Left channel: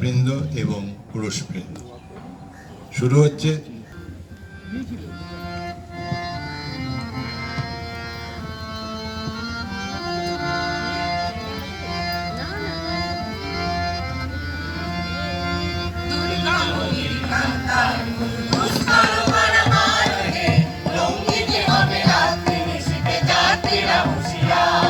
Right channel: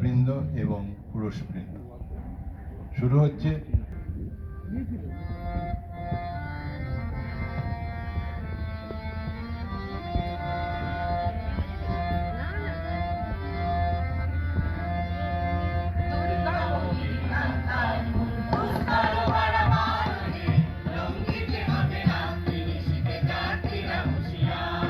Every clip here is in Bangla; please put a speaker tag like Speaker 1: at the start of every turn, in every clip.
Speaker 1: মহিলাবৃন্দ এবং পুরুষবৃন্দ শুরু হচ্ছে
Speaker 2: Yeah.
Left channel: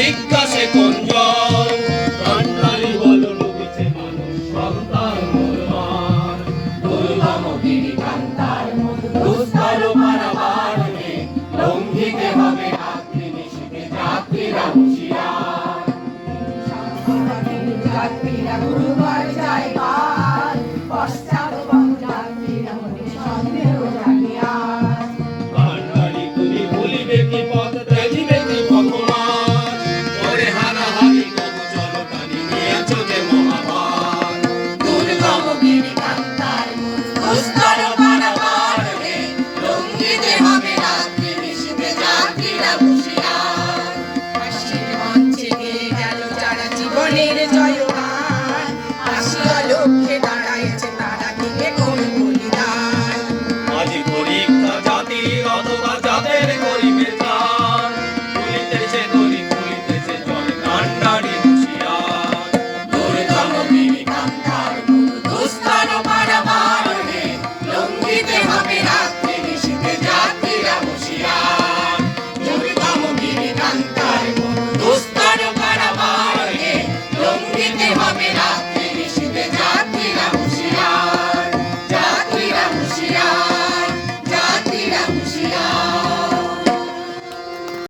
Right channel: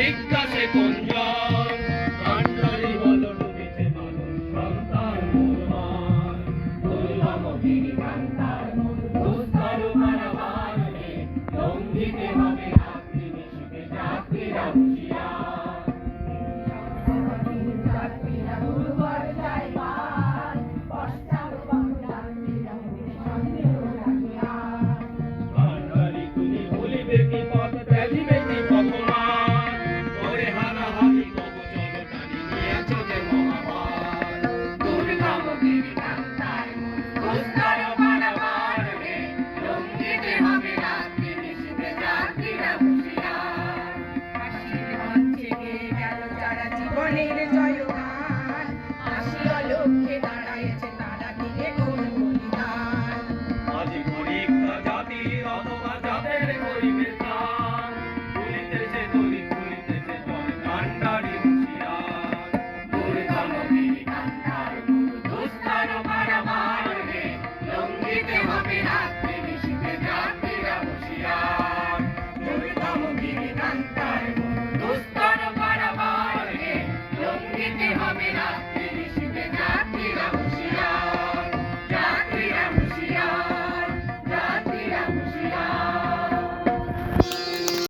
Speaker 2: জিজ্ঞাসে কোন জন
Speaker 3: কান্নারি বল রবিছে মানুষ, সন্তান মুসলমান দুর্গম
Speaker 2: গিরি কান্তার দুস্তর পারাবার রে লঙ্ঘিতে হবে রাত্রি নিশিতে যাত্রীরা হুঁশিয়ার। যাত্রীরা গুরু